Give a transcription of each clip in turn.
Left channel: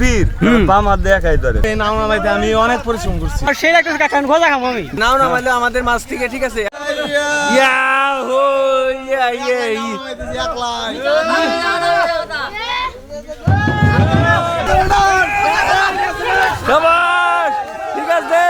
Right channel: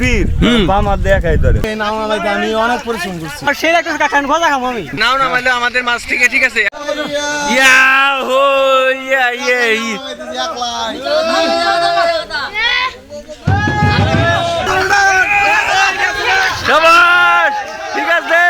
বীর বাম হাত দিয়ে একাই ধরে নাও নামাইতে আমি অনেক পরিশ্রম করছি সেই একটা কাকান ভজা খাবো আমি নাও নামাইলে আমাদের মাছ ঠিক আছে ইয়াহু ইয়া ইয়া শাবাশ ঠিক আছে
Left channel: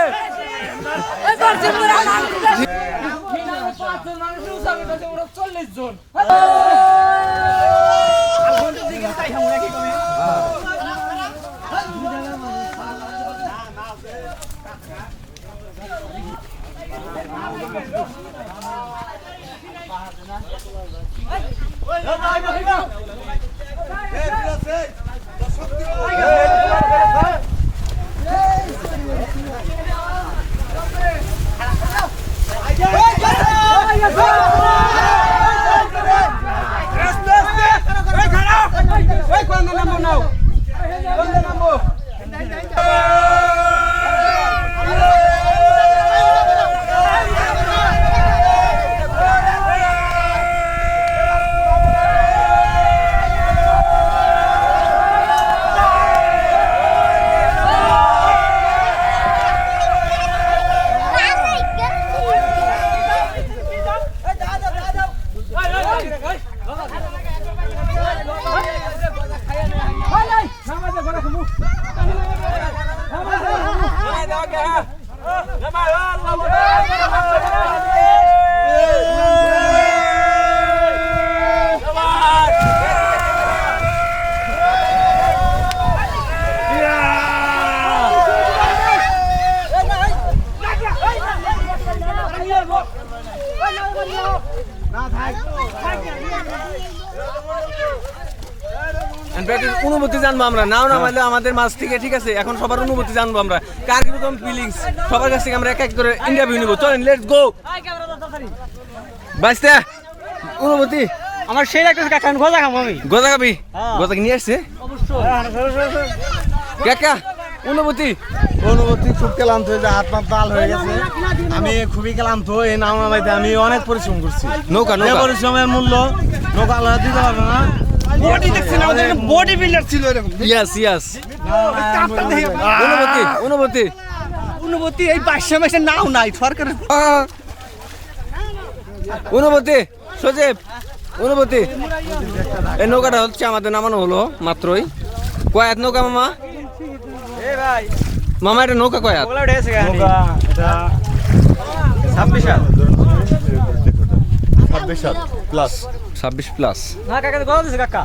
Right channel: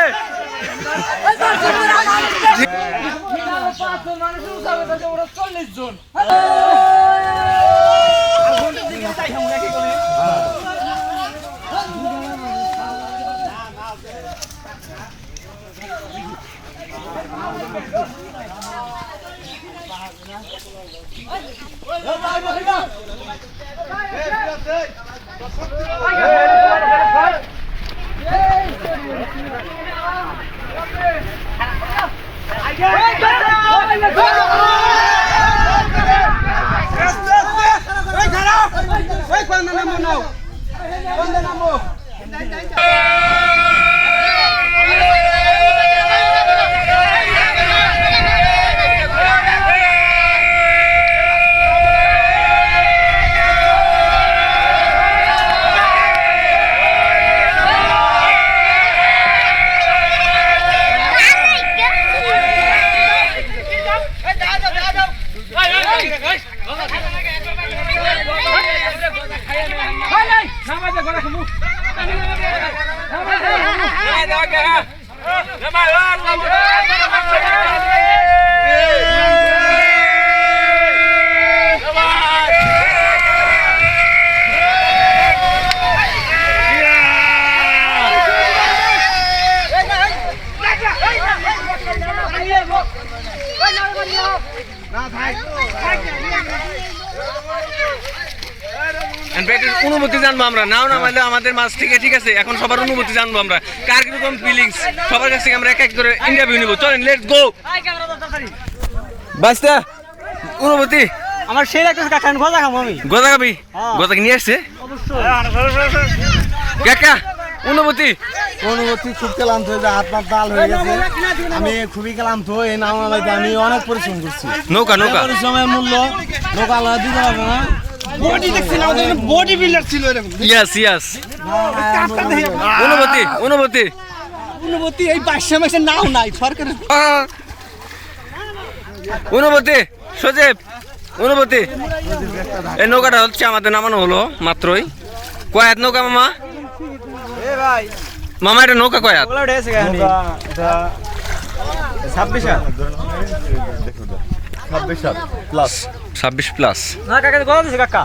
অনুভূতি জানবো আমরা নাও নামাইলে আমাদের মাছ ঠিক আছে এখন সবার অনুভূতি জানবো আমরা কার কিরকম ফিলিংস সবার কাছ থেকে আমরা এক এক করে ইন্টারভিউ নিব চলেন লেটস গো বাস্তা অনুভূতি আমার সেই একটা কাকান ভজা খাবো আমি গজা খাবি গজা কি নিয়ে আসছে কাকা অনুভূতি খুব ক্লান্ত হয়ে যায় হাত পা তাল হয়ে গেছে আমি খুবই ক্লান্ত এই নাও নামাইতে আমি অনেক পরিশ্রম করছি নৌকা পরিশ্রমের মূল্য নৌকা আলাদা দিতে পারবে না বডি দেখছেন আমাদের বডি বিল্ডার ছিল এরকম ইয়েস অনুভূতি এই 500 মাসে নাও নাই সরকারের অনুভূতি সজীব অনুভূতি এই নৌকাটা হচ্ছে আমাদের নামানো হলো মাত্রই কয়াত নৌকা মামা মামা এটা নৌকা কয়াত নৌকা এটা 26 প্লাস 26 প্লাস না কাকা গলা দিছে কাকা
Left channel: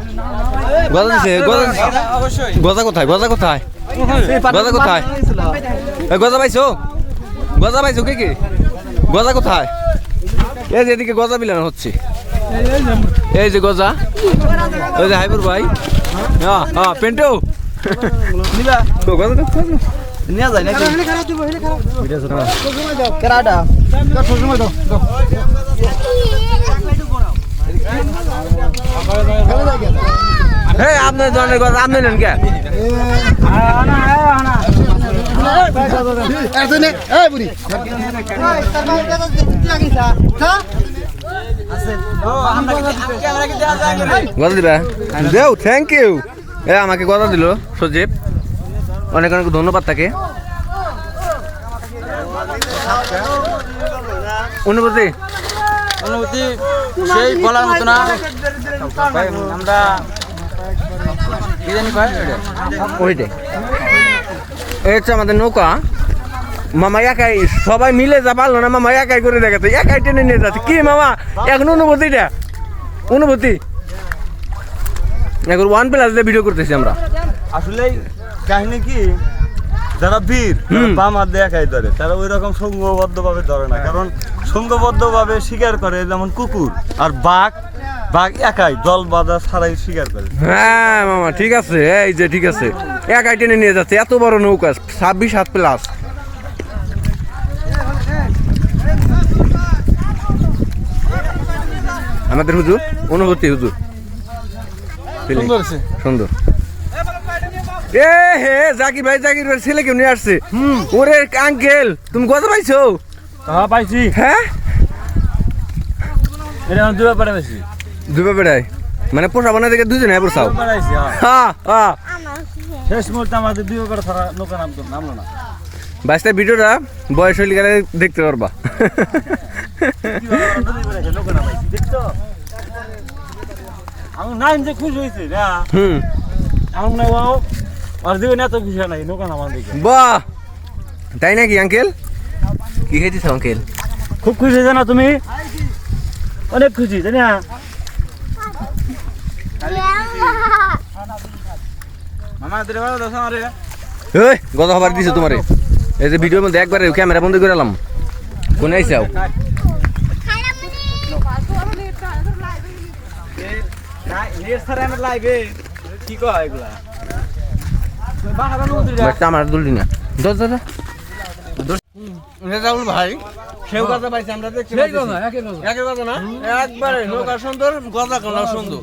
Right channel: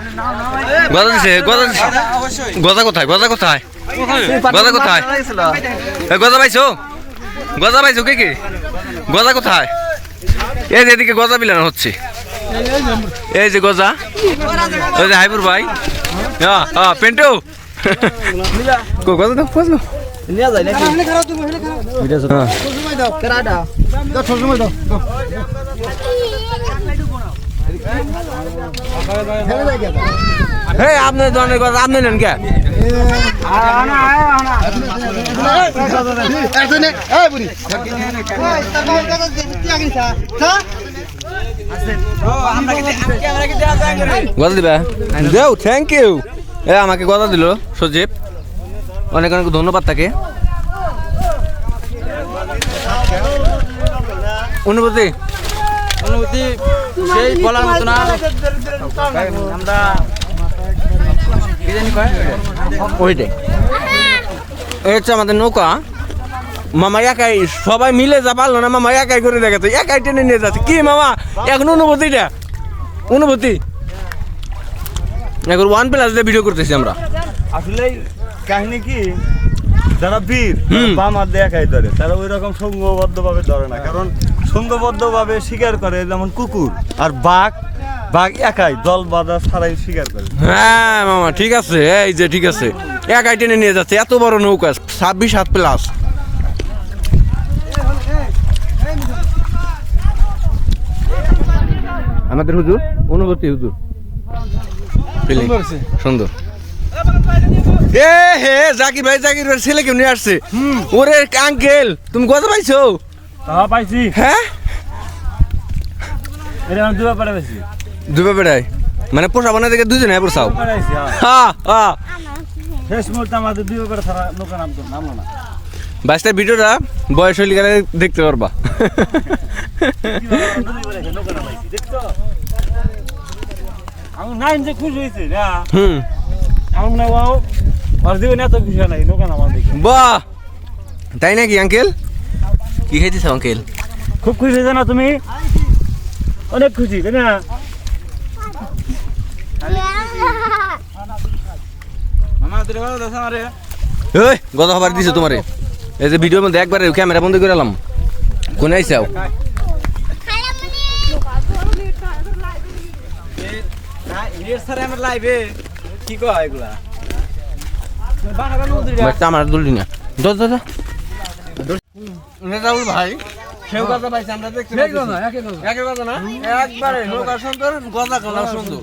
গজা কোথায় গজা পাইছো কি গজা কোথায় এই যে এদিকে গজা বিলানো হচ্ছে এই যে গজা ওই যে হাইপুর ভাই পেন্টো গজা দাও নিয়া যায় নাকি হেলে খারাপ দিব এটা দাও কেরাডা দাও সময় দাও হে আপনার দোকানের কথা আপনি নেন কে গজা দিবে দেও থ্যাংক ইউ আমাকে গজা দিল সজীব অনেক অনেক ধন্যবাদ তাকে অনুভূতি সেই বলার মতো না আমরা কি জানি ওইটা এই হচ্ছে আমাদের নৌকা মামা একাই সবাই মিলে যা পারলো না মামা একাই করে দেখাচ্ছে একাই টেনে নিয়ে যাচ্ছে কি মামা এখন অনুভূতি এখন 1+ দিয়ে ভিডিও করতেছি আমরা আসলে কাহিনী কি যারা বীর বাম হাত দিয়ে একাই ধরে তারা ওই রকম সংঘবদ্ধ ভাবে ধরে না কারণ সংঘবদ্ধ ভাবে শিকার করে যেমন কুকুর আর বাঘ একাই দল বাঁধা ছাড়াই শিকার করে হ্যাঁ মামা ঠিক আছে এই যে ঠিক আছে একাই টেনে নিয়ে যাচ্ছে এত বড় নৌকা 26 প্লাস আমাদের হুজুর অনুভূতি হুজুর সুন্দর এ হে জাকির ভাই ছেলে কেউ নিয়ে আসছে ওরে আঙ্কেল তুমি কত পাইছো পাইছি হ্যাঁ দুবা বেড়াই মানে পোষা বানা থেকে দুজনে পোষাও হ্যাঁ শেষ মুহূর্তে আমাদের দুই করে ছাড়া নৌকা নামলো না। বাইশটা ভিডিওটা বয়স হইলে গেলে দেখতে পারবা। নৌকা নামাইছি দেখছো আমি নাইন যে খুশি হয়েছে না হুম আমার মনে হয় আর জীবনে এত খুশি নাই নৌকা নামান দেখে বাহ তাই নাকি আঙ্কেল কি খাইতেছ আঙ্কেল খুব খুশি হয়েছে না তুমি অনেক খুশি তাই না মামা তুই ভালো দোষ আমারে ওই গত খবর দিছো তোমারে এই যে ভিডিওর মধ্যে একবারে ক্যামেরা বন্ধ করে এলাম কোন আইসাও না ইরের স্যার আমার লাইভে কি কয় এগুলা বাহারা নদী আমার দুললি না দশ দাদা রাহুল ভাই সেও কথা পাইছে আমরা দেখতে পাচ্ছি একই কথা না একবারে নৌকা সুন্দর গজা কলা সুন্দর